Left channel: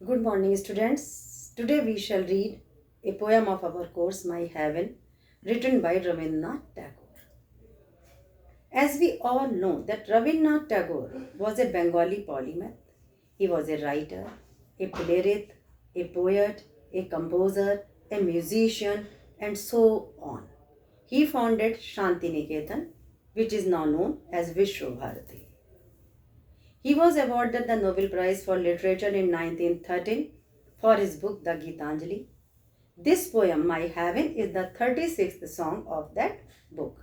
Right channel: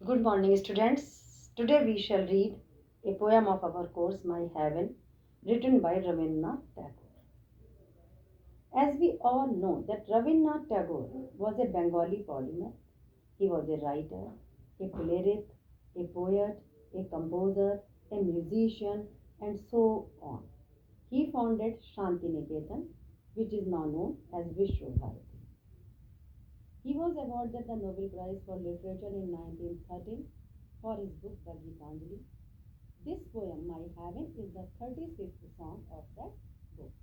Good morning, students. Today we shall read a poem of our course, My Heaven, written by Rabindranath Tagore. As we all know that Rabindranath Tagore was a Bengali polymath. He was a writer, a playwright, a poet, a composer, a musician, and so on. He founded Shantiniketan, which is now known as Vishwabharati. He was awarded the Nobel Prize for Literature in 1913 for his book The Gitanjali. This poem, My Heaven, is the 36th song of that book.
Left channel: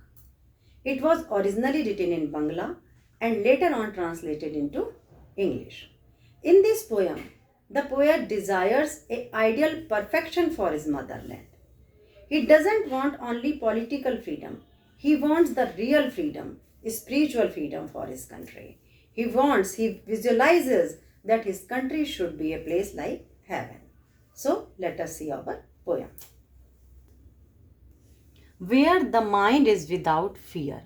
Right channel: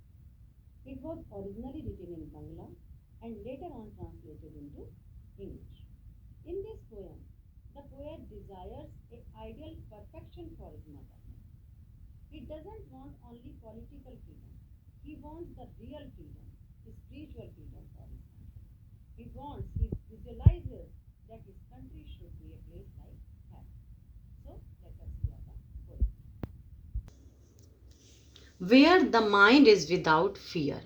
It was originally written in Bangla and later on translated into English. In this poem, the poet desires an ideal perfection for his motherland. He doesn't want only political freedom. He wants the real freedom, spiritual freedom for his country. He visualizes that his country should be a place like heaven. So let us see our poem. Where the mind is without fear,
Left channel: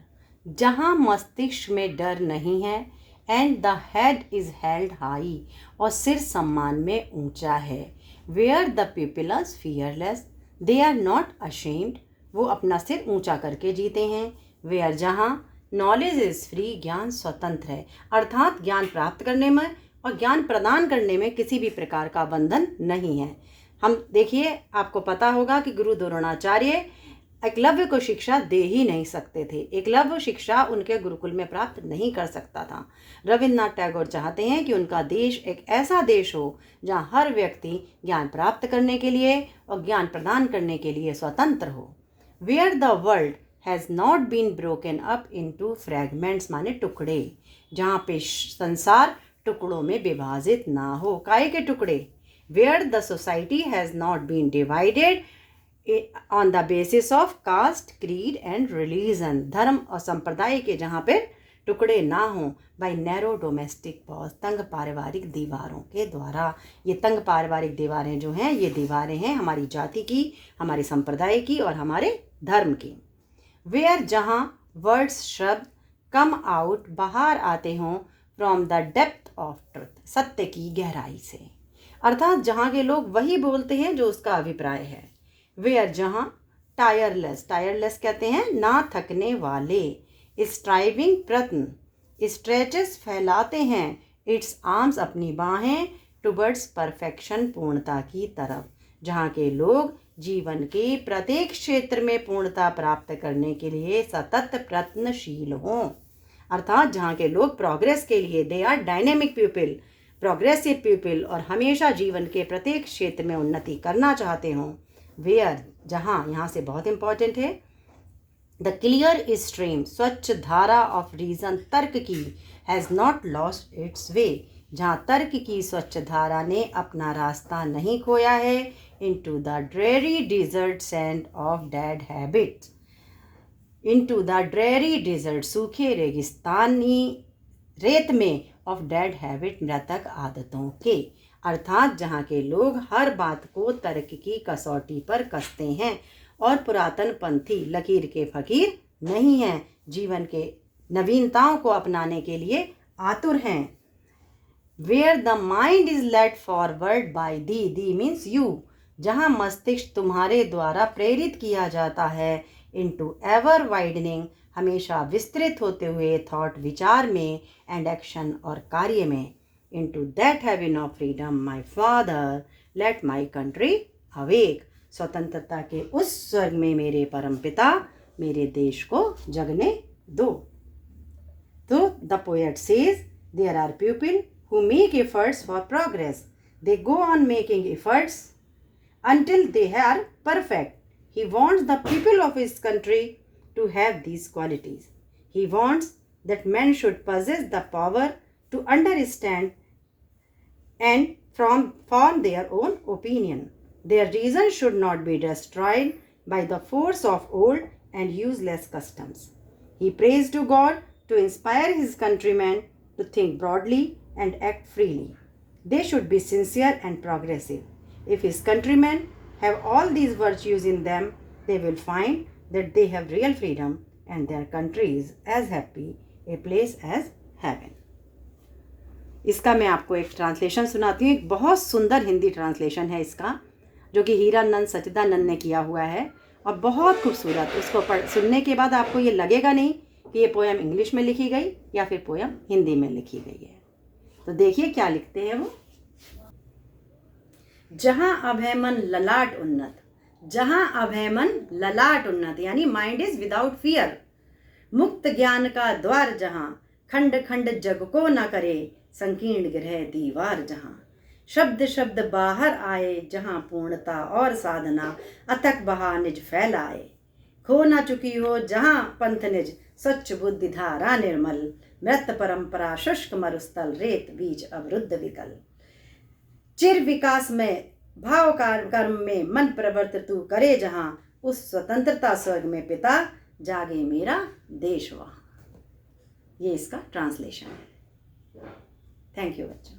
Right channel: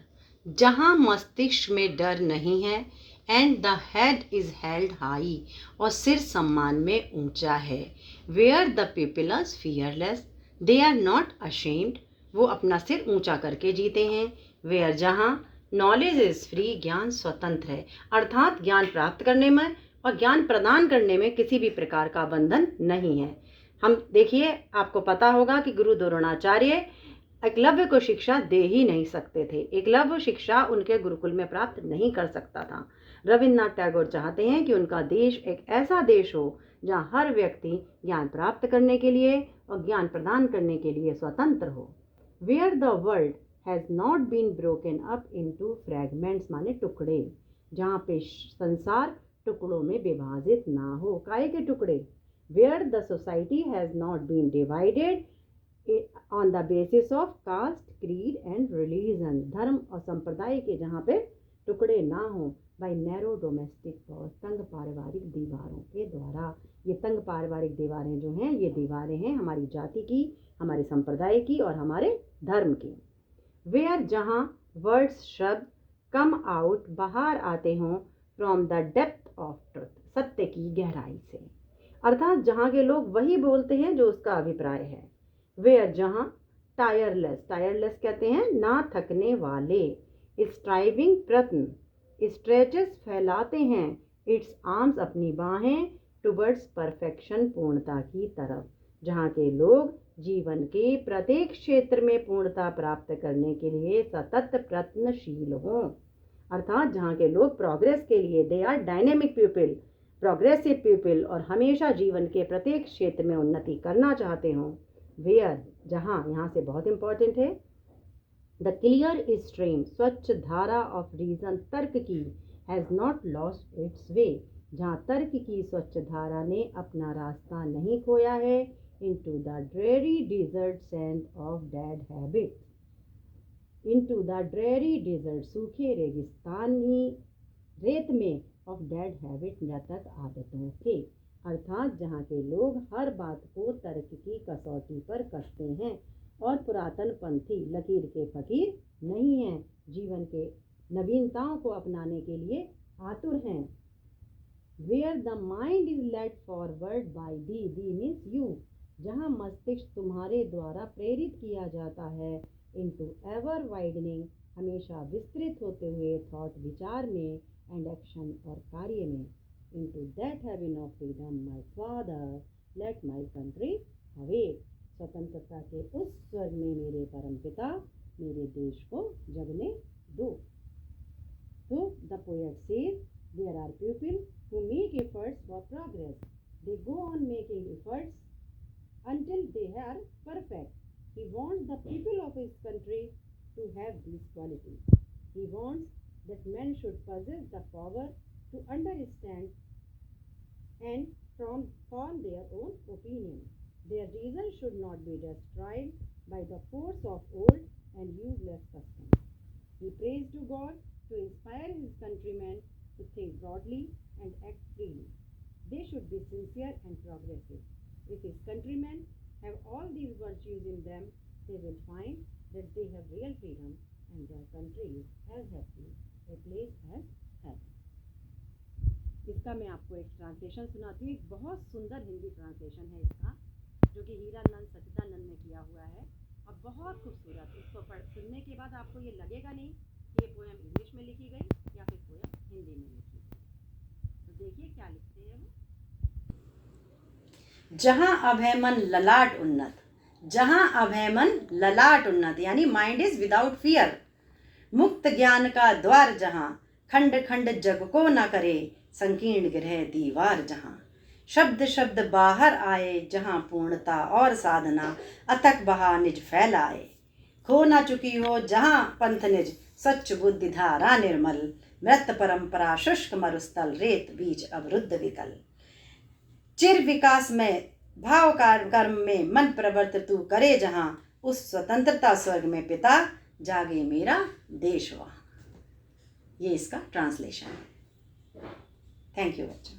जहाँ मस्तिष्क में डर नहीं है, and the head is held high, और सिर सम्मान में ऊंचा है. Where the people are fearless, they are not ashamed, वो अपना सिर ऊंचा करके जीते हैं. वेयर जहाँ नॉलेज इज फ्री, ज्ञान स्वतंत्र है, अर्थात ज्ञान प्राप्त करने में और ज्ञान प्रदान करने में किसी भी प्रकार का बंधन नहीं है. हम देखिए, आपको पता होगा कि गुरु द्रोणाचार्य एकलव्य को शिक्षा दे ही नहीं सकते थे. एकलव्य शिक्षा उनके गुरुकुल में प्राप्त नहीं कर सकता था. रविन्द्रनाथ टैगोर चाहते हैं कि उनका देश एक ऐसा देश हो जहां हर व्यक्ति ज्ञान प्राप्त करने के लिए और ज्ञान प्रदान करने के लिए स्वतंत्र हो. Where the world has not been broken up into fragments, माने टुकड़े, जहाँ पे संसार टुकड़ों में विभाजित ना हो. काहे के टुकड़े? Where the society has not been divided on the basis of caste, creed and religion, धर्म और संप्रदाय के जहाँ पे टुकड़े ना हों बाय नैरो डोमेस्टिक वॉल्स, तंग पारिवारिक दीवारों के द्वारा. ये तंग पारिवारिक दीवारें जो हैं, ये दीवारें हैं हमारी जाति की, हमारी संप्रदाय की और हमारे धर्म की. वेयर जहाँ वर्ड्स, शब्द कम आउट, बाहर आते हों from the depth of truth, सत्य की गहराई से, अर्थात जहाँ के लोग वही बोलते हैं जो उसका अभिप्राय है. वेयर जहाँ टायरलेस, टायरलेस कहते हैं ना थकने वाले, स्ट्राइविंग प्रयत्न, स्ट्रेचेस फैलाते हैं, इट्स आर्म्स अपनी बाहें, टुवर्ड्स परफेक्शन पूर्णता की तरफ, जहाँ के लोग जीवन के प्रत्येक क्षेत्र में पूर्णता प्राप्त करने के लिए सतत प्रयत्नशील हों. अर्थात जहाँ के लोग प्रोग्रेस के लिए, they are dynamic people, progressive people, और हमेशा जीवन के प्रत्येक क्षेत्र में उन्नति करना चाहते हों. वेयर जहाँ, यहाँ से बहुत इंपॉर्टेंट है, द क्लियर स्ट्रीम, स्वच्छ धारा ऑफ रीजन, तर्क की, हैज़ नॉट लॉस्ट इट्स वे, जहाँ तर्क की स्वच्छ धारा ने अपना रास्ता नहीं खोया है, into the dreary desert sand of dead habits, into the dreary desert, सूखे रेगिस्तानी रेत में, ऑफ डेड हैबिट, मृतक आदतों के, अर्थात जहाँ के लोग हर बात को तर्क की कसौटी पर कसते हैं और पुरातन पंथी लकीर के फकीर नहीं हैं, जीवन के नवीनताओं को अपनाने के लिए आतुर हैं. Where the mind is led forward by thee, thee means you, जहाँ मस्तिष्क तुम्हारे द्वारा प्रेरित किया जाता है, इनटू एवर वाइडनिंग, हमेशा विस्तृत होते हुए, थॉट विचार में, एंड एक्शन और कार्य में, into that heaven of freedom, my father, let my country awake, स्वतंत्रता के उस स्वर्ग में मेरे परम पिता, मेरे देश को जगने दो. तो the poet says there are people who make efforts for progress. They go on making efforts until they are perfect. He wants the people of his country to have these qualities. He wants that men should possess the power to understand and form their own opinion. Their reason should not be destroyed by the force of old and useless customs. He prays to God to inspire his countrymen to think broadly and act freely. They should be sincere and progressive. If his countrymen have all these virtues in them, they will find that they have real freedom and their country is as happy a place as heaven. इसका मैं आपको एक translation सुनाती हूँ। एक बहुत सुंदर Hindi translation है इसका, जो कि हीरानंद सच्चिदानंद ने किया हुआ है और बहुत खूबसूरत। उसको सुनने के बाद आपको ये लगेगा नहीं कि ये पोयम इंग्लिश में लिखी गई या फिर पोयम हिंदी में लिखी गई है। तो देखिए क्या लिखते हैं वो। जहाँ अभय मन ललाट उन्नत, जहाँ अभय मन ललाट उन्नत यानी माइंड इज विदाउट फियर, मुक्त ज्ञान का द्वार जहाँ, खंड खंड जग को न करे संकीर्ण गृह दीवार जहाँ, शब्द शब्द बाहर आए जहाँ पूर्णता और साधना अथक बहा निज फैलाए, खो न चुकी हो जहाँ पंथ निज स्वच्छ बुद्धि धारा निर्मल, मृत परंपरा शुष्क मरुस्थल रेत बीज अवरुद्ध विकल, चिर विकास में भाव कर्म में मन प्रवर्त तू करे जहाँ, उस स्वतंत्रता स्वर्ग में पिता जागे मेरा देश वहाँ। ये इसका ट्रांसलेशन है। थैंक यू बच्चों।